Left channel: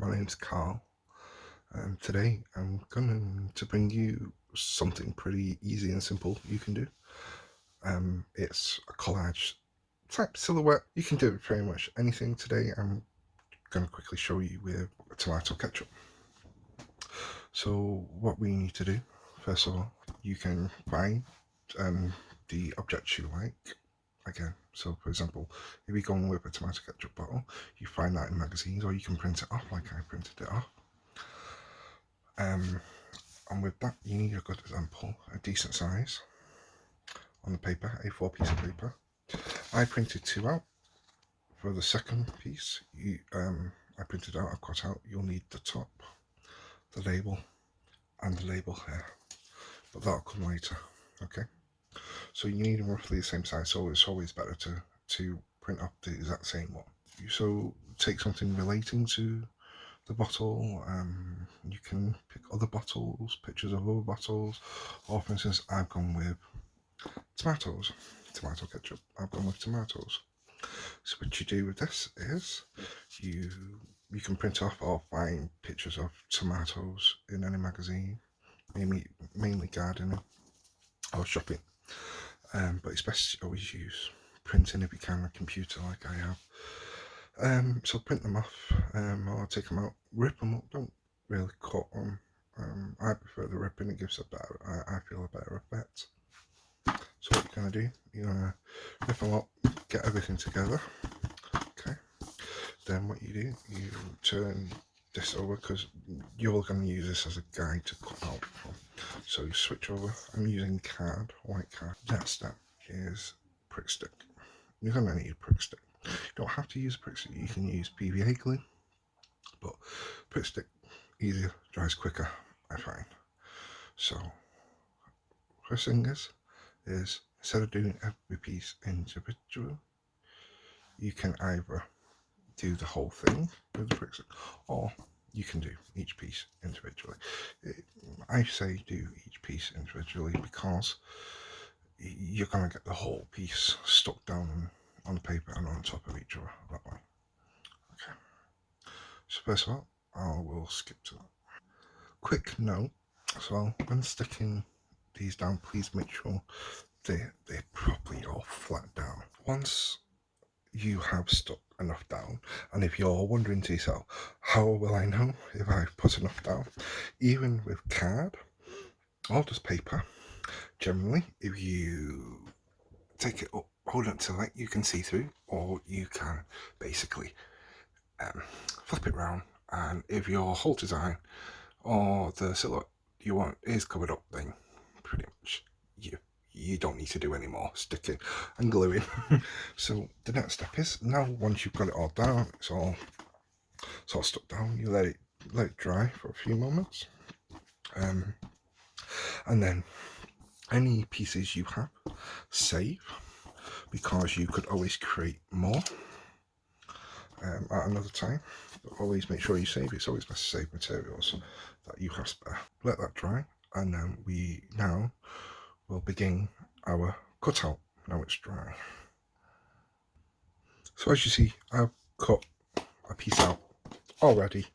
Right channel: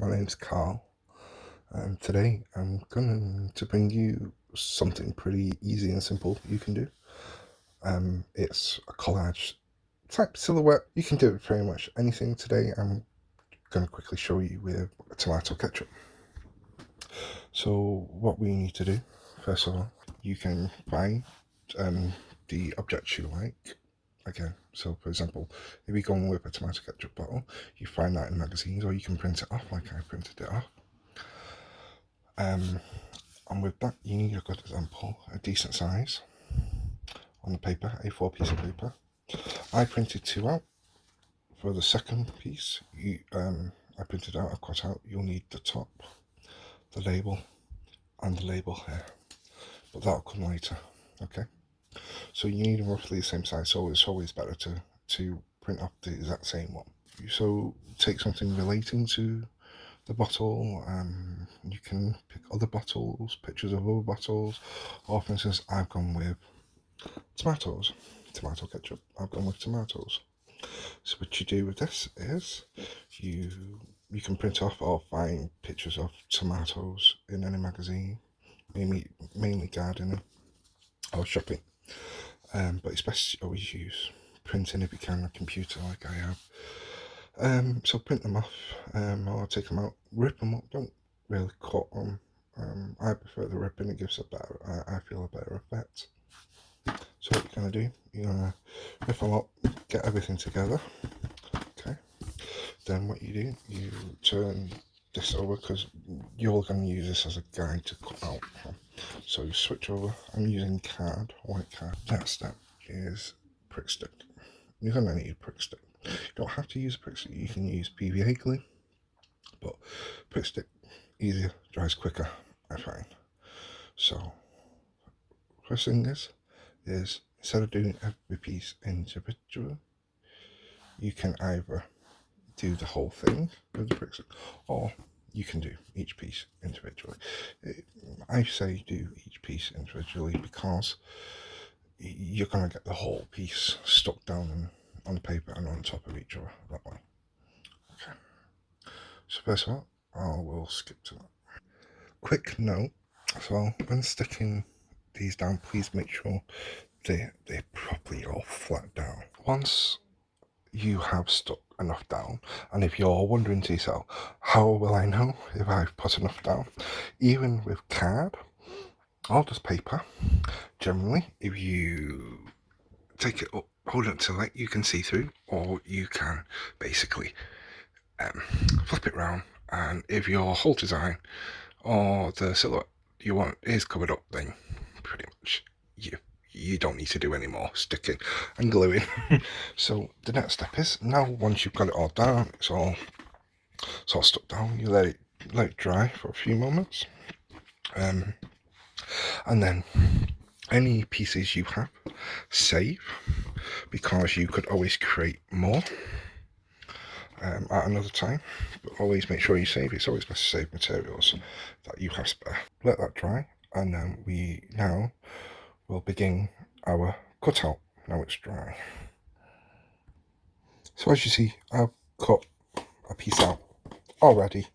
My name's Carl, and today I'm going to bring you something pretty easy and simple you can do. It's a collage type silhouette. You can do it pretty much anything. Today I'm going to quickly show you with tomato ketchup. So what we need to do, first of all, you can find the objects you like. Again, so for example, if you're going with a tomato ketchup bottle, you find that in magazines, or you can print it off like I printed it off. And with that, you need a good example, a decent size on the paper, A4 piece of paper. I printed 2 out. For the second piece, I printed out, I've cut out, you'll need the top, the label, and the label here. But that'll come later, okay? So you need roughly the same size, so it's always better to print off the exact same one. So take something relating to the bottle. You can pick other bottles, pictures of other bottles, or for instance, I've gone with tomatoes, tomato ketchup. I've gone with tomatoes. So what you do with this is you can print off or find pictures of tomatoes in any magazine, mainly gardening or shopping. But it's best to always use printing if you can on a computer like I have. So print them off, or take them out, rip them up. Don't really cut them. I prefer the ripping; it gives a better, I feel a better effect. So what you're gonna do, you're gonna rip them up, get everything together. Okay. Then what you do, you turn this over because you're gonna use this as a guide to cut out from. So you switch over. I'm using card, white card. Next step is prick stick. You're gonna need a prick stick. You don't have to use a prick stick, you can use PVA glue, but prick stick, easier, dries quicker, I find. So, first thing is instead of doing every piece individually, you can either do the whole thing with the prick stick, or you can do each piece individually. I say do each piece individually because you're going to get the whole piece stuck down on the paper and on top of each other that way. Okay. So first of all, I will skip to that. Quick note as well, when sticking these down, please make sure they're properly all flat down. Once you have stuck enough down, and if you're wondering to yourself, how will I know if I've put enough down? Even with card or just paper, generally, if you take it up, hold it till you can see through, or you can basically flip it around, and if your whole design or the silhouette you want is covered up, then pretty much you don't need to do any more. Stick it and glue it. So the next step is, now once you've got it all down, it's all stuck down, you let it dry for a few moments, and then any pieces you have, save, because you could always create more at another time. But always make sure you save. It's always best to save materials that you have spare. Let that dry, and then we now will begin our cutout. Now it's dry. So as you see, I've cut a piece out already,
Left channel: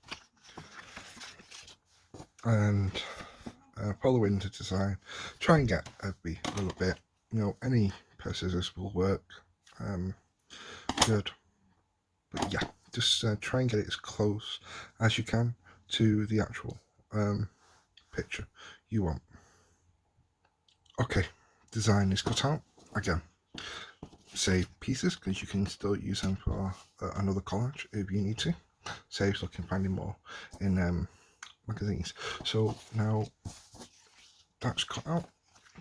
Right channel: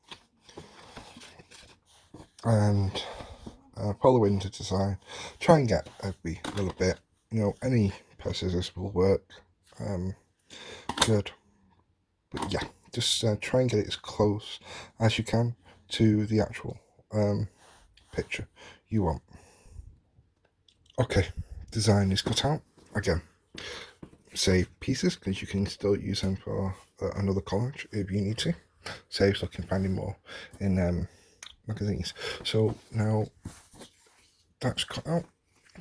and following the design, try and get every little bit. Any pair of scissors will work. Good. But yeah, just try and get it as close as you can to the actual picture you want. Okay, design is cut out. Again, save pieces because you can still use them for another collage if you need to. Saves looking finding more in magazines. So now that's cut out,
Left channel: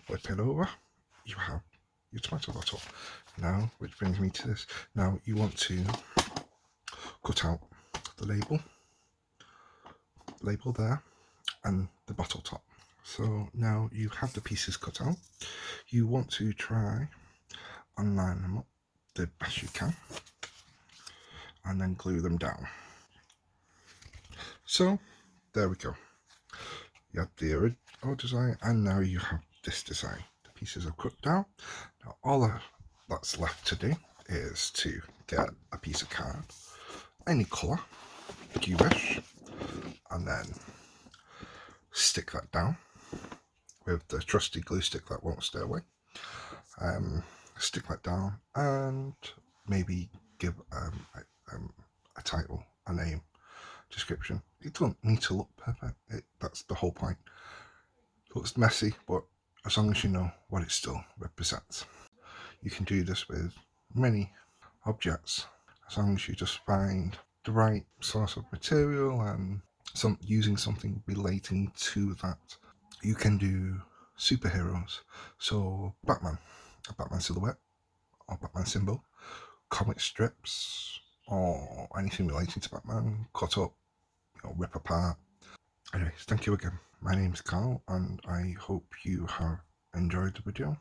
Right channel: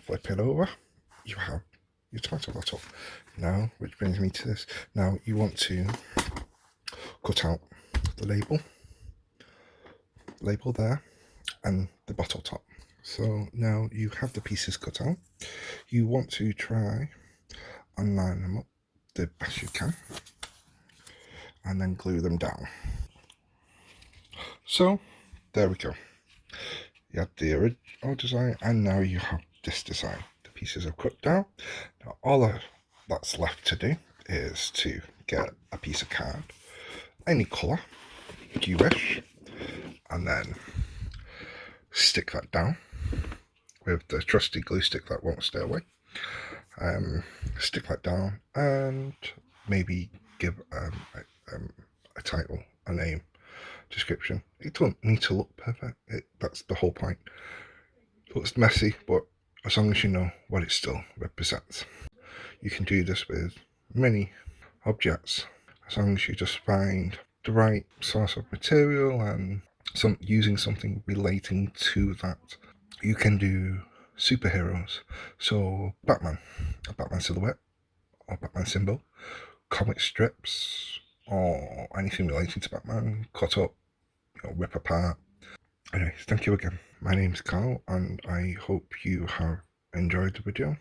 flip it over, you have your tomato bottle. Now, which brings me to this. Now you want to cut out the label there, and the bottle top. So now you have the pieces cut out. You want to try and line them up the best you can, and then glue them down. So there we go. You had the original design, and now you have this design. The pieces are cut down. Now all that's left to do is to get a piece of card, any colour you wish. and then stick that down with the trusty glue stick that won't stay away. Stick that down and maybe give a title, a name, description. It don't need to look perfect. That's the whole point. It looks messy, but as long as you know what it still represents. You can do this with many objects, as long as you just find the right source of material and using something relating to that. You can do superheroes, so Batman, a Batman silhouette or Batman symbol, comic strips or anything relating to Batman, cut up, rip apart. Anyways, thank you again. My name's Carl, and I hope you have enjoyed the video.